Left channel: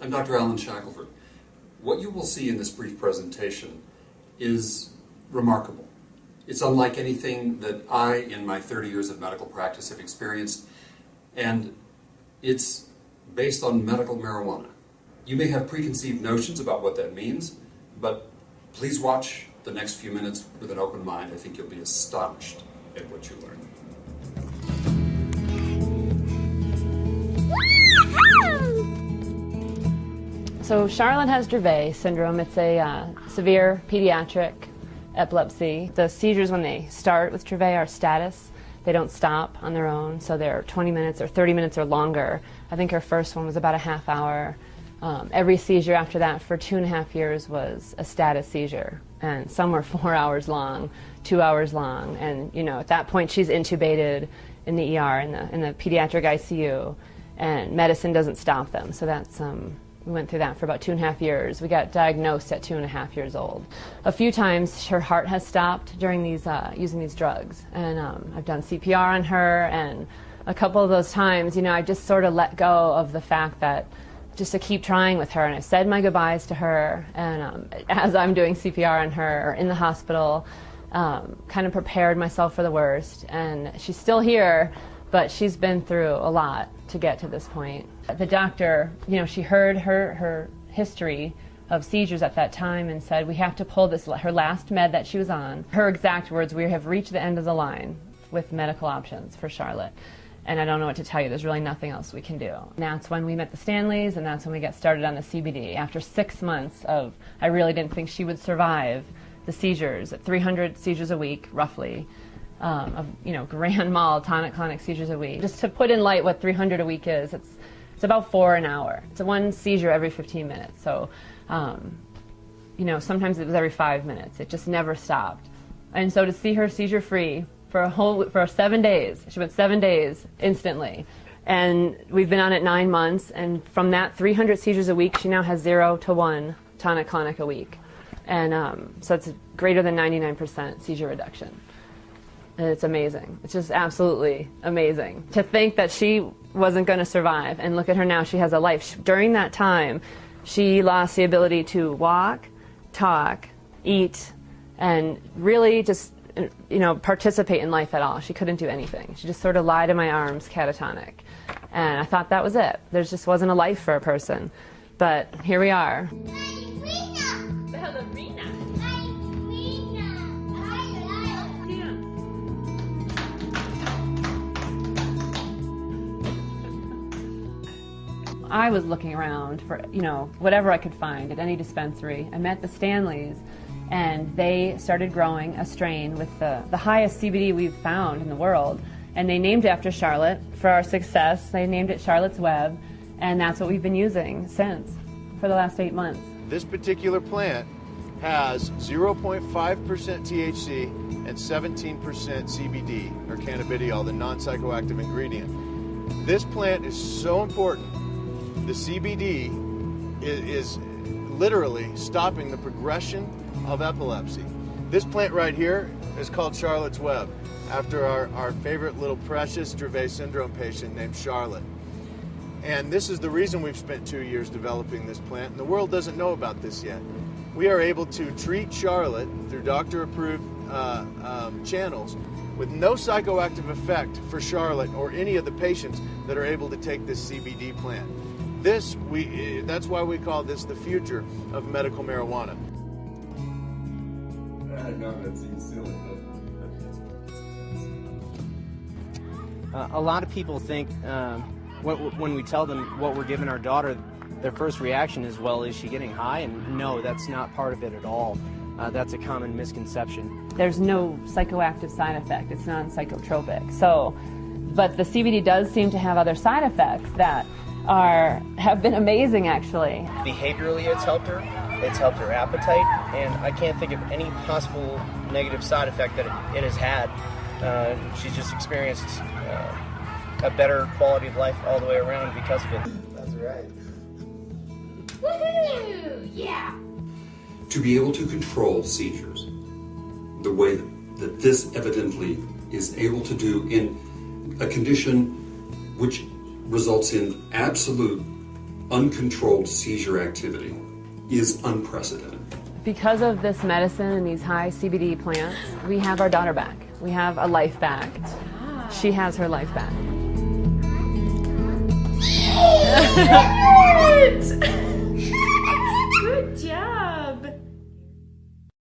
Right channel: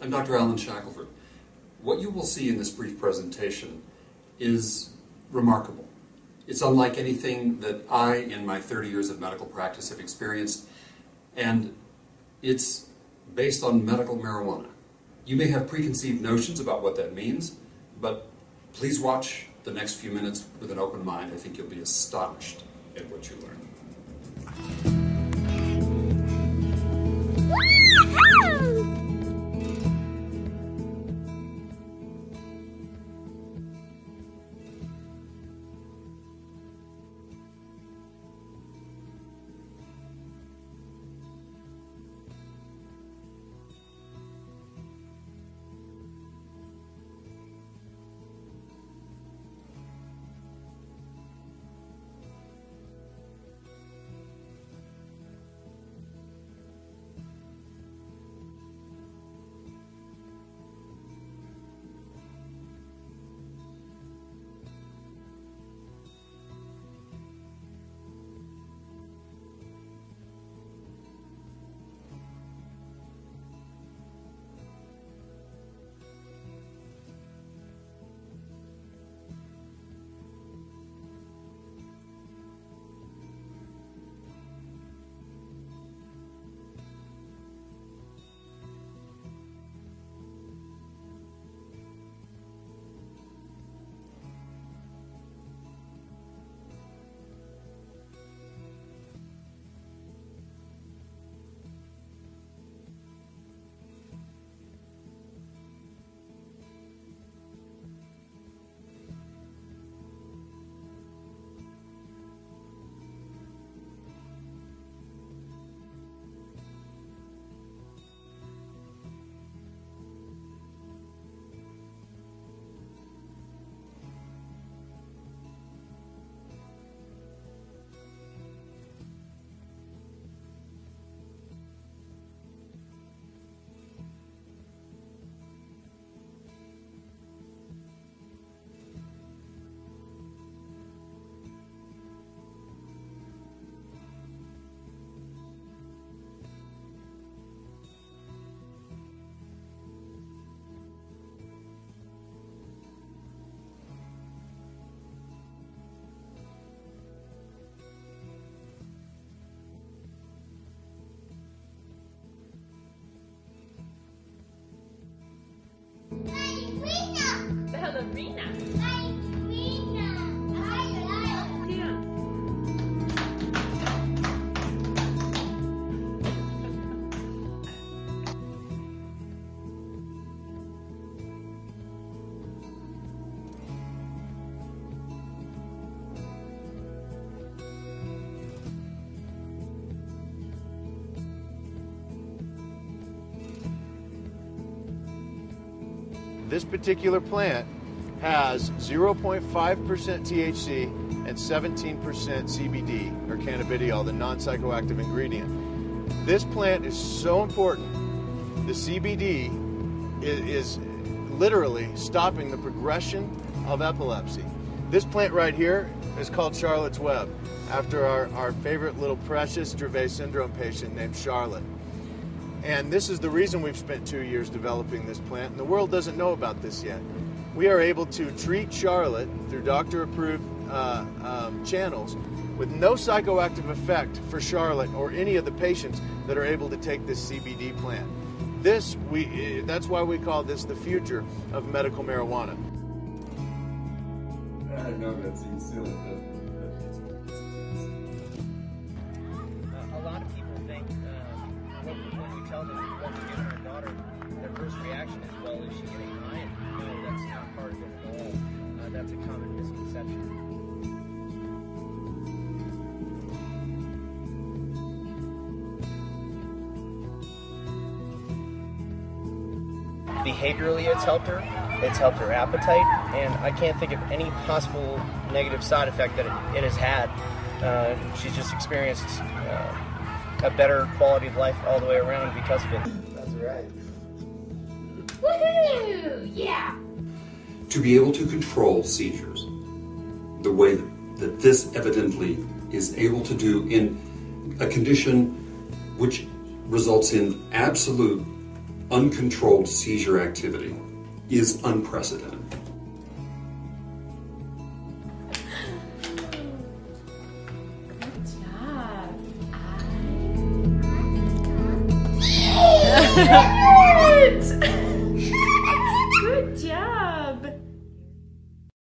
I'm Dr. Alan Shackelford. What you will see in this brief presentation is remarkable. It's unlike anything that I, in my 30 years of medical practice, have experienced, and it's based on medical marijuana. You may have preconceived notions about what that means, but please watch the next few minutes with an open mind. I think you'll be astonished at what you learn. So Charlotte has Dravet syndrome. It's a severe pediatric epilepsy. The seizures when they start with Dravet are status. They don't stop on their own, so they're 20 minutes or 30 minutes or longer. I think her first one was about a half hour. Every seizure after that for 2.5 years was a status seizure, and some were 4 hours long, 2 hours long, and you know, at that point she's intubated in the ER, in the pediatric ICU, and medicine doesn't stop them. So that's we went through that for about 2.5 years. We got diagnosed at 2.5 years old. A few times her heart has stopped during these using these drugs, and I've done CPR on her, and a couple of those times, you know, I just sort of let go of the fact that just to keep trying with her, and I said my goodbyes to her, and as I'm doing CPR on her or in the hospital, kind of prepared myself for the worst, and she's still here, but she's been through a lot to get to this point. The doctor, you know, she heard her history of seizures at that time and said, we have to pull this, her last med that she was on. Her exact words, we have reached the end of the line with medical options for Charlotte. And I don't know what to tell you, there's really nothing else we can do. And that's when we met the Stanleys, and that's when we got started on the CBD. After 6 months of, I really didn't think she would survive the seizures, 300 seizures a week, roughly, of, you know, grand mal tonic-clonic seizures a week. Just to put in light what 300 a week is, it's about 4 an hour. It's one seizure every 15 minutes. So, you know, sometimes it was every 5 minutes. It just never stopped. And so to see her seizure-free for 7 days, she went 7 days instantly. And we've been on it 9 months, and from that 300 seizures a week, she now has 0 to 1 tonic-clonic a week. And so it's greater than 99% seizure reduction. And it's amazing. It's just absolutely amazing. To think that she wasn't going to survive, and look at her now, she has a life. During that time, she lost the ability to walk, talk, eat, and really just, you know, participate in life at all. She couldn't do anything. She just sort of lied in my arms, catatonic. And I thought that was it. There just wasn't a life for a person. But here we are. Ballerina. I was looking around for, you know, whatever I could find at any dispensary. I met the Stanleys, and they started growing a strain with the highest CBD we've found in the world. And they named it after Charlotte. For our success, they named it Charlotte's Web, and that's what we've been using since, for the last 8 months. This particular plant has 0.5% THC and 17% CBD, or cannabidiol, the non-psychoactive ingredient. This plant is so important. The CBD is literally stopping the progression of epilepsy. This plant right here is called Charlotte's Web, after our favorite little precious Dravet syndrome patient named Charlotte. And this is the reason we've spent 2 years developing this plant, and the world doesn't know about this yet. We are able to treat Charlotte through doctor-approved channels with no psychoactive effect for Charlotte or any of the patients that are able to take this CBD plant. That's why we call this the future of medical marijuana. I know that seems silly, but a lot of people think when we tell them what we're giving our daughter, their first reaction is, well, is she getting high? And no, that's not part of it at all. That's a common misconception. There's no psychoactive side effect. It's not psychotropic. So, but the CBD does seem to have other side effects that have been amazing, actually. Behaviorally, it's helped her appetite, and I can't think of any possible negative side effect that it has had. She's just experienced a better quality of life all the way around because of it. that's right. Woohoo! Yeah! To be able to control seizures the way that this evidently is able to do in a condition which results in absolute uncontrolled seizure activity is unprecedented. Because of this medicine and these high CBD plants, we have our daughter back. We have a life back. She has her life back.